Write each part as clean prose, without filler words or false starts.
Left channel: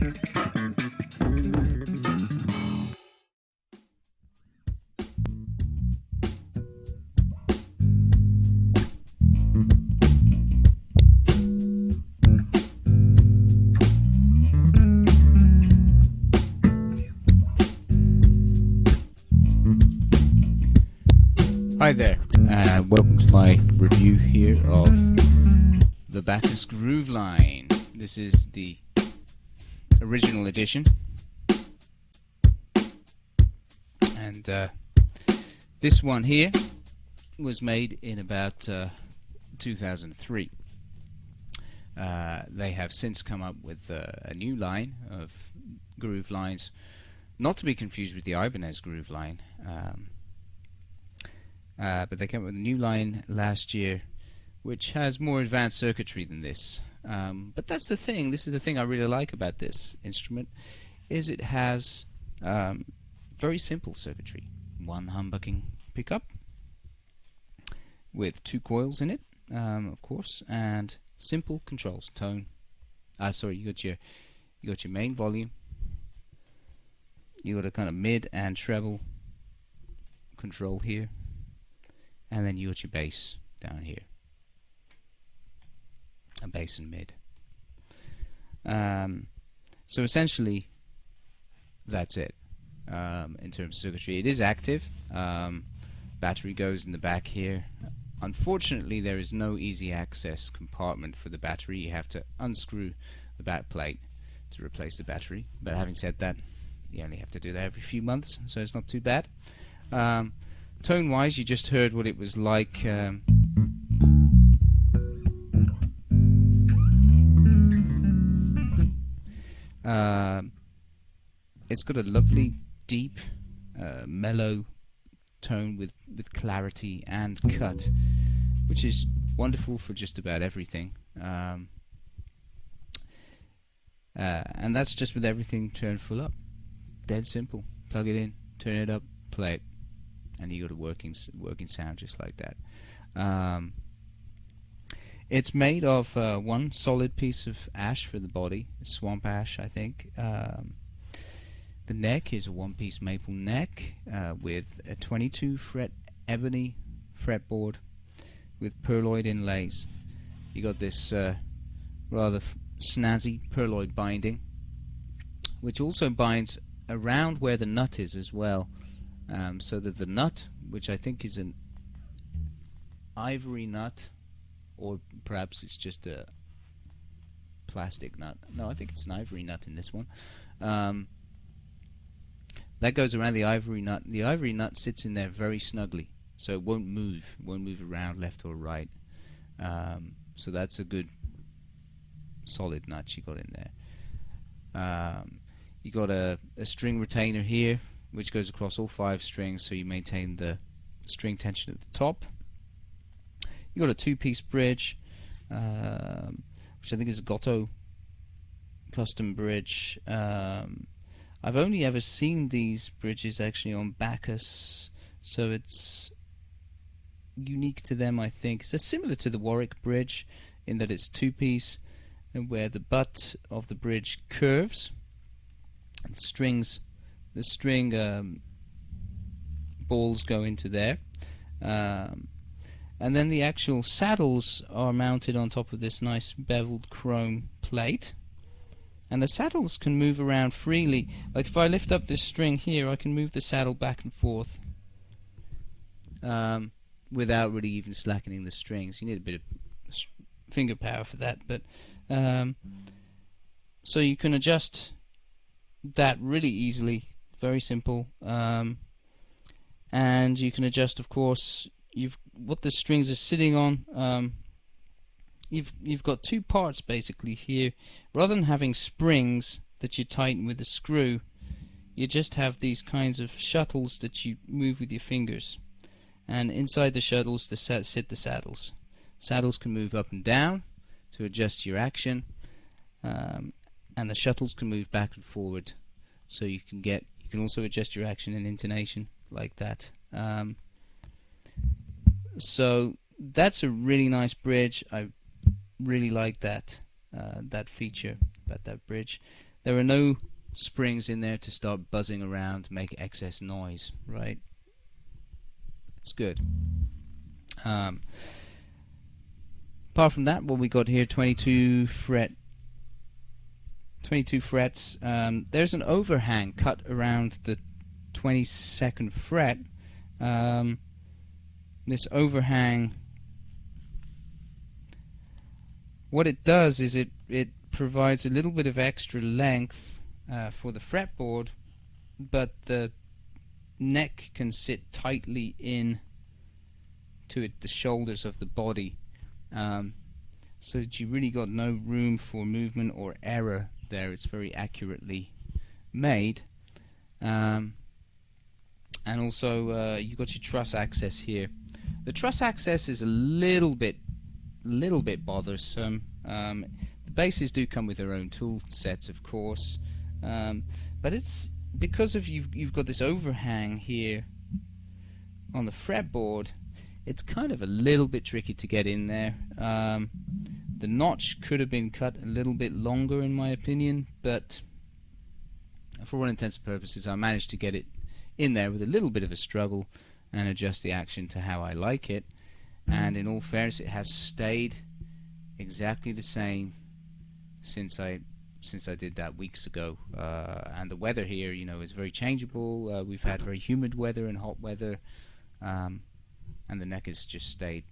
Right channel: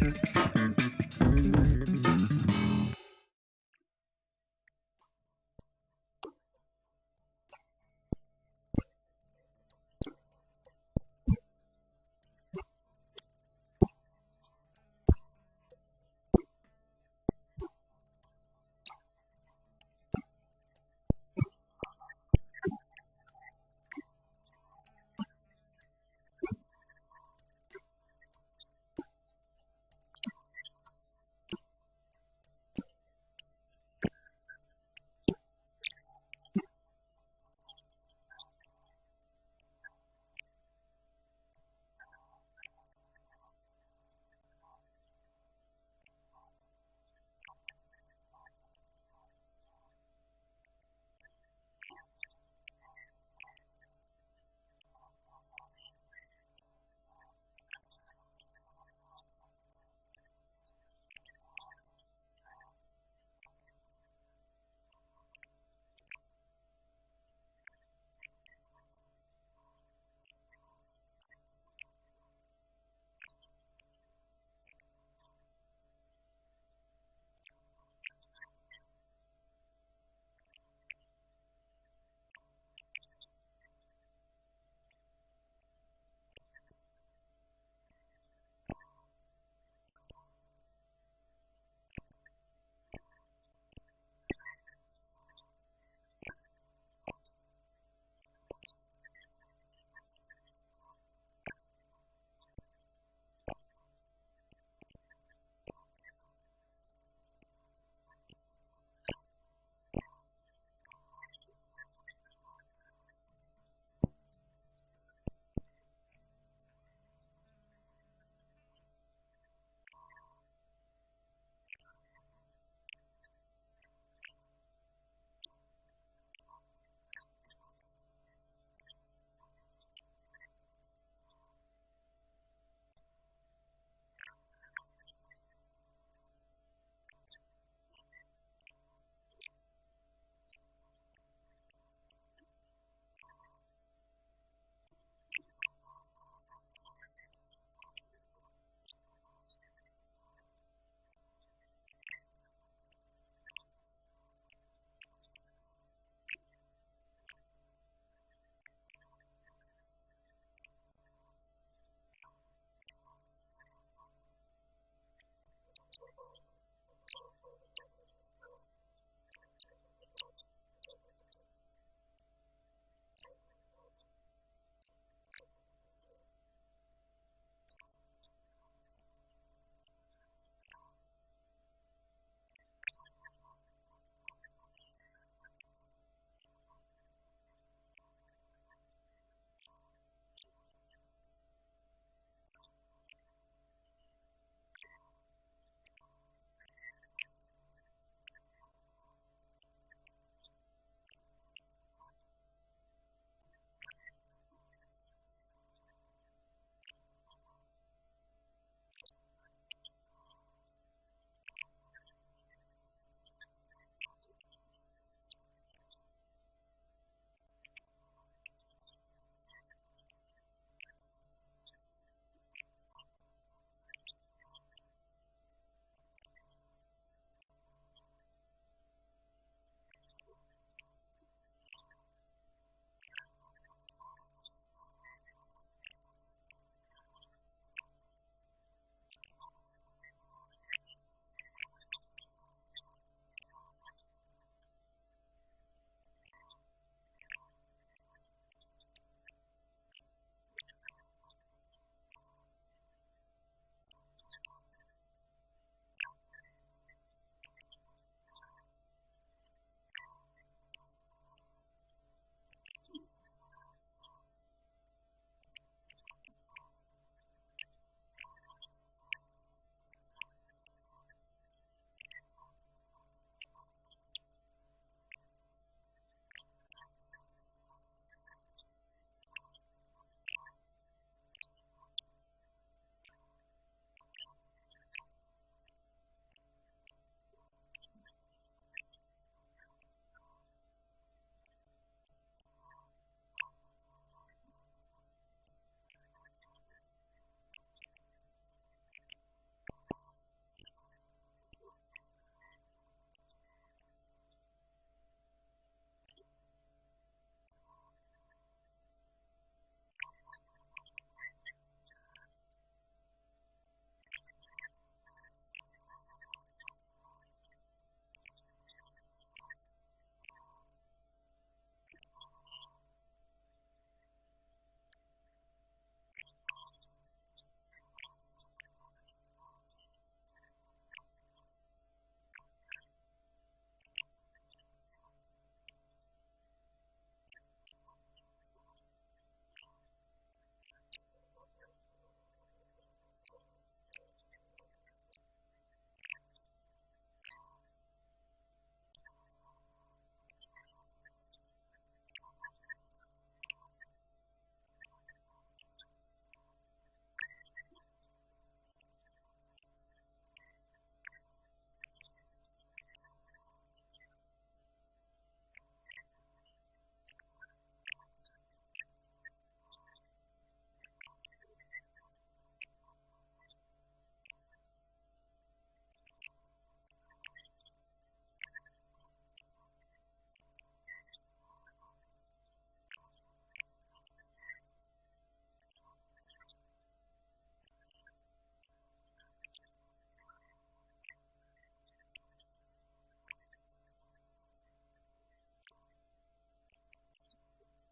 Hi there, welcome to my review here of the Bacchus grooveline. This is the original edition, and this one here was made in about 2003. They have since come up with a new line of groove lines, not to be confused with the Ibanez groove line. But they came up with a new line last year which has more advanced circuitry than this. But that's the thing, this is the thing I really like about this instrument, is it has very simple circuitry. One humbucking pickup with 2 coils in it, of course, and simple controls. Tone, you got your main volume, you got a kind of mid and treble control here, and then you got your bass down here, a bass and mid. So essentially that's it in terms of circuitry. It is active. Battery goes in the back here. Unfortunately, there is no easy access compartment for the battery. You have to unscrew the back plate to replace the battery, but having said that, you only have to do that every few months, so it's not too bad. Tone-wise, you just heard what it was like. It's got a lovely, deep, mellow tone with clarity and cut, which is wonderful for just about everything. And that's just with everything turned full up. Dead simple. Plug it in, turn it up, play it, and you got a working sound just like that. It's made of one solid piece of ash for the body, swamp ash, I think. The neck is a one-piece maple neck with a 22 fret ebony fretboard with pearloid inlays. You got this rather snazzy pearloid binding, which also binds around where the nut is as well. So that the nut, which I think is an ivory nut, or perhaps it's just a plastic nut. No, I think it's an ivory nut in this one. That goes around the ivory nut. The ivory nut sits in there very snugly, so it won't move around left or right. So that's a good solid nut you got in there. You got a string retainer here, which goes across all 5 strings, so you maintain the string tension at the top. You got a 2-piece bridge, which I think is a Goto custom bridge. I've only ever seen these bridges actually on Bacchus, so it's unique to them, I think. So similar to the Warwick bridge in that it's 2-piece, and where the butt of the bridge curves, and the string balls go into there, and then the actual saddles are mounted on top of this nice beveled chrome plate, and the saddles can move around freely. Like if I lift up this string here, I can move the saddle back and forth without really even slackening the strings. You need a bit of finger power for that, but so you can adjust that really easily. Very simple. And you can adjust, of course, what the strings are sitting on. You've got 2 parts basically here. Rather than having springs that you tighten with a screw, you just have these kinds of shuttles that you move with your fingers. And inside the shuttles sit the saddles. Saddles can move up and down to adjust your action, and the shuttles can move back and forward, so you can also adjust your action and intonation like that. So that's a really nice bridge. I really like that feature about that bridge. there are no springs in there to start buzzing around, make excess noise, right? It's good. Apart from that, what we got here, 22 frets. There's an overhang cut around the 22nd fret. This overhang, what it does is it provides a little bit of extra length for the fretboard, but the neck can sit tightly in to it, the shoulders of the body, so that you really got no room for movement or error there. It's very accurately made. And also you got your truss access here. The truss access is a little bit bothersome. The basses do come with their own tool sets, of course, but it's because of you've got this overhang here on the fretboard. It's kind of a little bit tricky to get in there. The notch could have been cut a little bit longer, in my opinion, but for all intents and purposes, I managed to get it in there with a little bit of a struggle and adjust the action to how I like it. And in all fairness, it has stayed exactly the same since I did that weeks ago. And the weather here, you know, is very changeable. We've had very humid weather and hot weather, and the neck has just stayed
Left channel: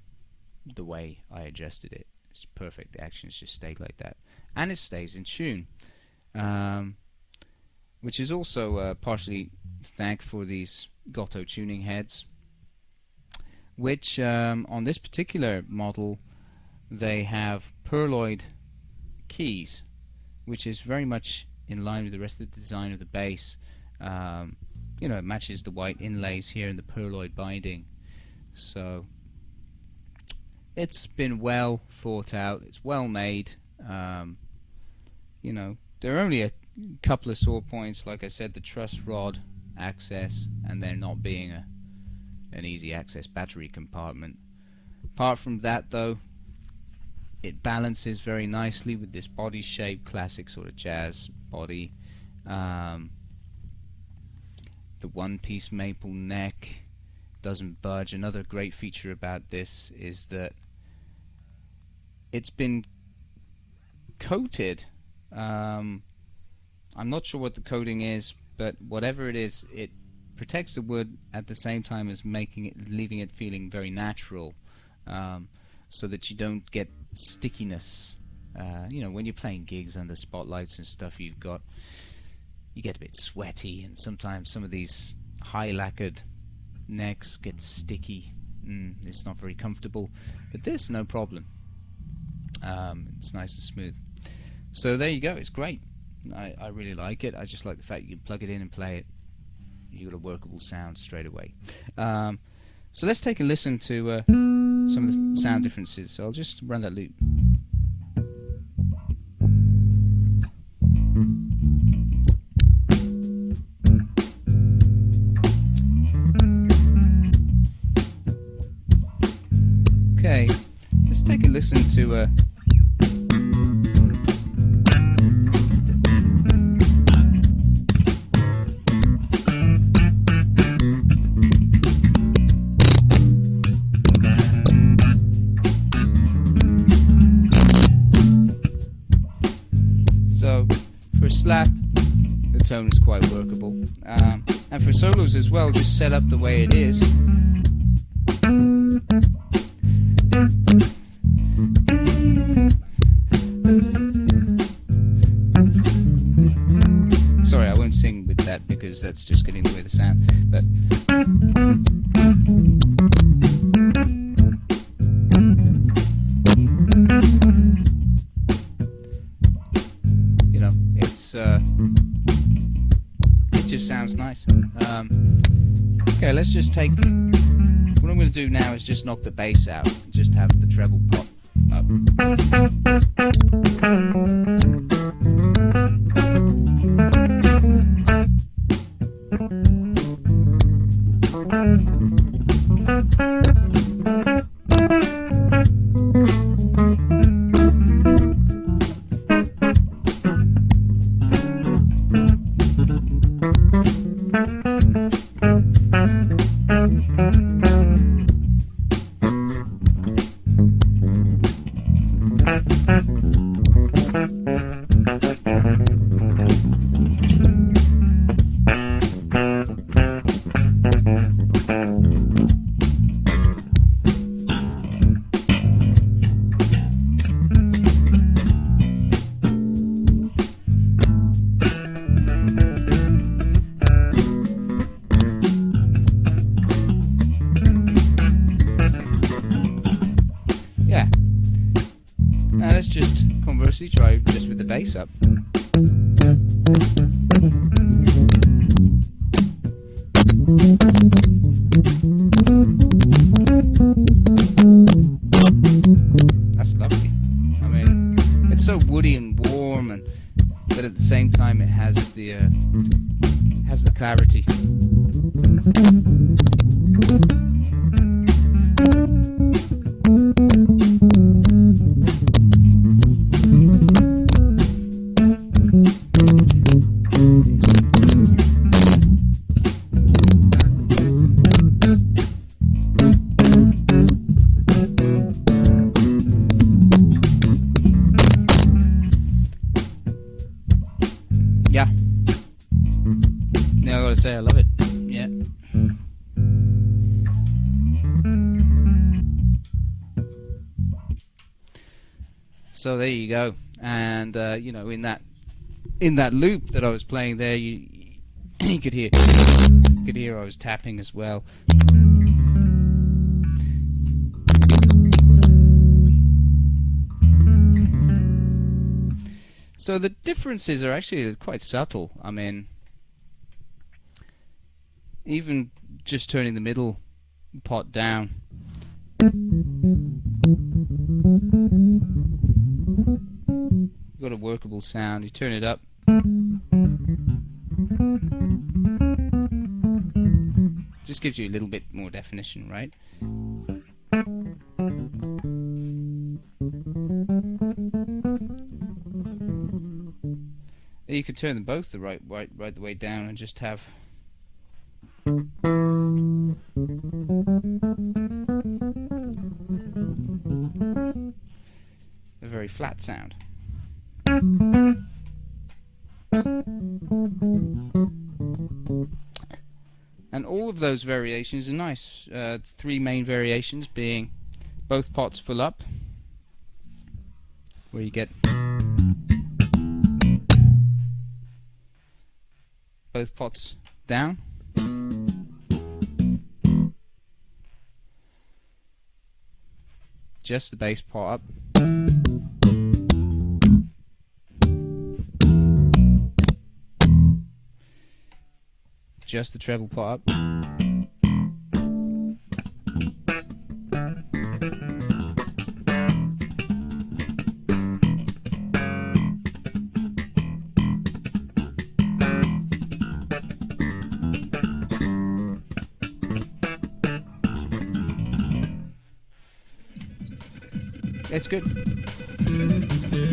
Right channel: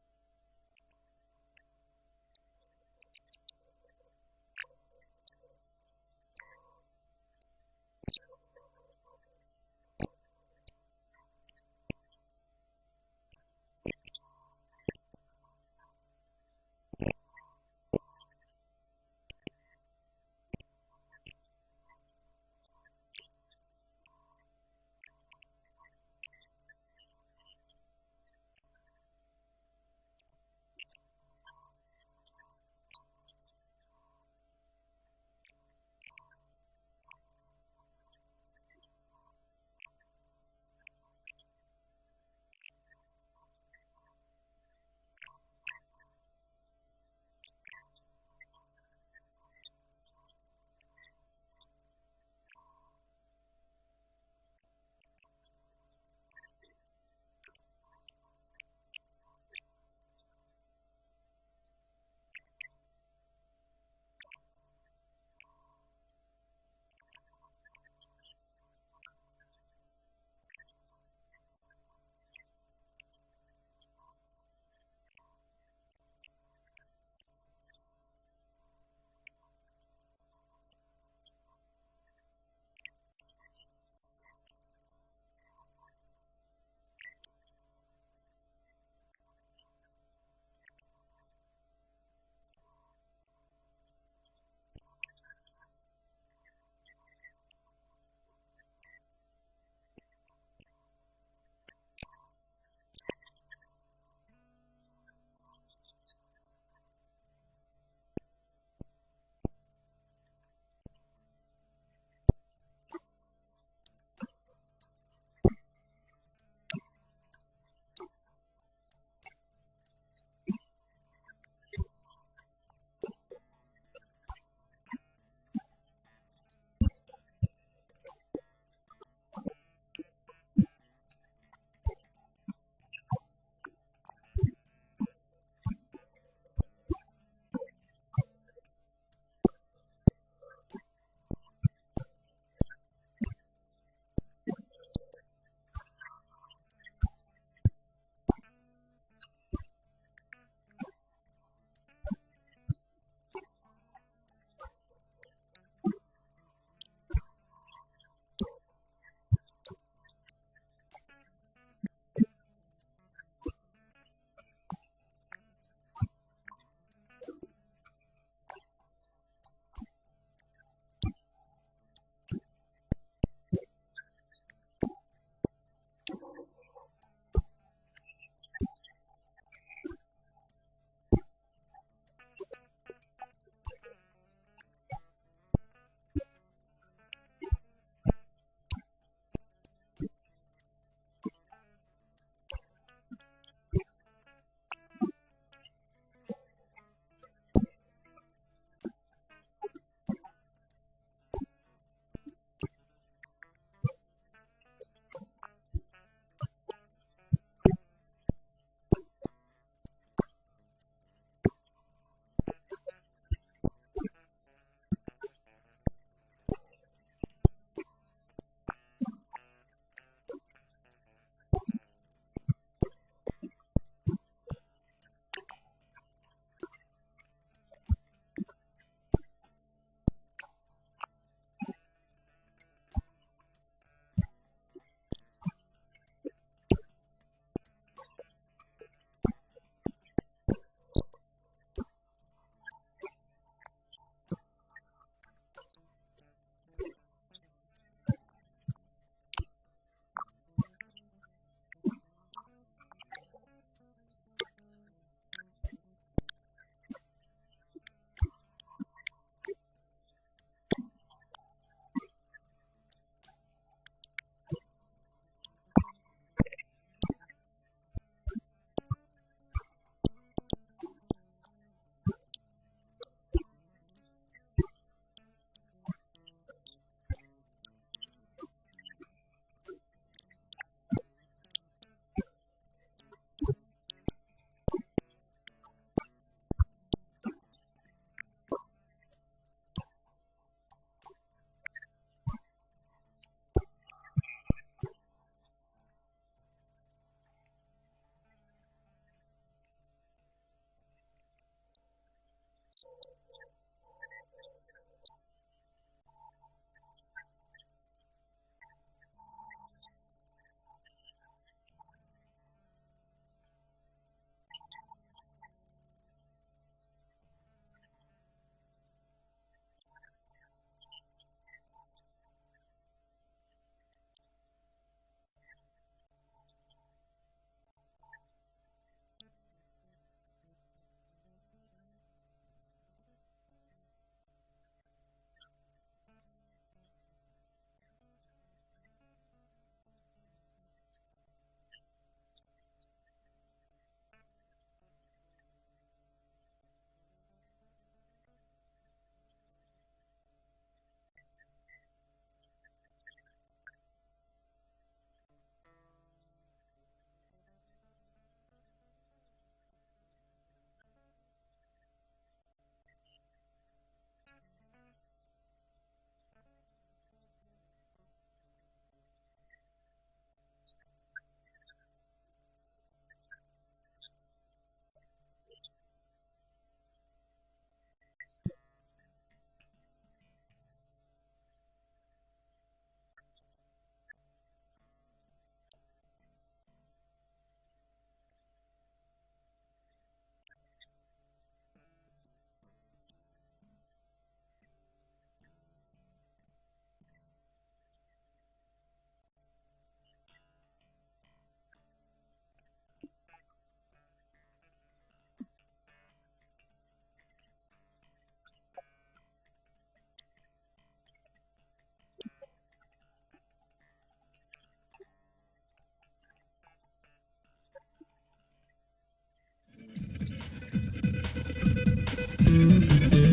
the way I adjusted it. It's perfect. The action's just stayed like that, and it stays in tune, which is also partially thanked for these Goto tuning heads, which on this particular model they have pearloid keys, which is very much in line with the rest of the design of the bass. You know, it matches the white inlays here in the pearloid binding, so it's been well thought out. It's well made. You know, there are only a couple of sore points, like I said, the truss rod access, and there not being an easy access battery compartment. Apart from that, though, it balances very nicely with this body shape, classic sort of jazz body. The one-piece maple neck doesn't budge. Another great feature about this is that it's been coated. I'm not sure what the coating is, but whatever it is, it protects the wood at the same time as leaving it feeling very natural, so that you don't get stickiness. You know, when you're playing gigs under spotlights and stuff, you get a bit sweaty, and sometimes some of these high lacquered necks get sticky. It's not very comfortable, but this, no problem. It's nice and smooth. So there you go. It's great. I really like it. I just like the fact you can plug it in and play it. You got a workable sound straight away. So let's take a listen to some of the sound differences. So I'll just run that loop. Okay, let's take a listen to so for a slap, the tone is quite workable, and for solos as well, just set up the way it is. Sorry, I won't sing with that because that's just getting in the way of the sound, but you know, it just sounds nice. Okay, let's just take, what I'm going to do now is just knock the bass out, just have the treble pop up. Obviously, try just with the bass up. That's lovely. I mean, it's so woody and warm, and but at the same time, it has the clarity. Yeah. Yeah, I gotta say, I love it. Yeah. So there you go. And you know, in that loop that I was playing there, you could hear I was tapping as well. So the differences are actually quite subtle. I mean, even just turning the middle pot down, you've got a workable sound. You turn it up, just gives you a little bit more definition, right? You could turn them both the right the way down and just have a very flat sound. And all of those variations are nice. Three main variations being both pots full up, where you get both pots down, just the bass pot up, just the treble pot up, it's good.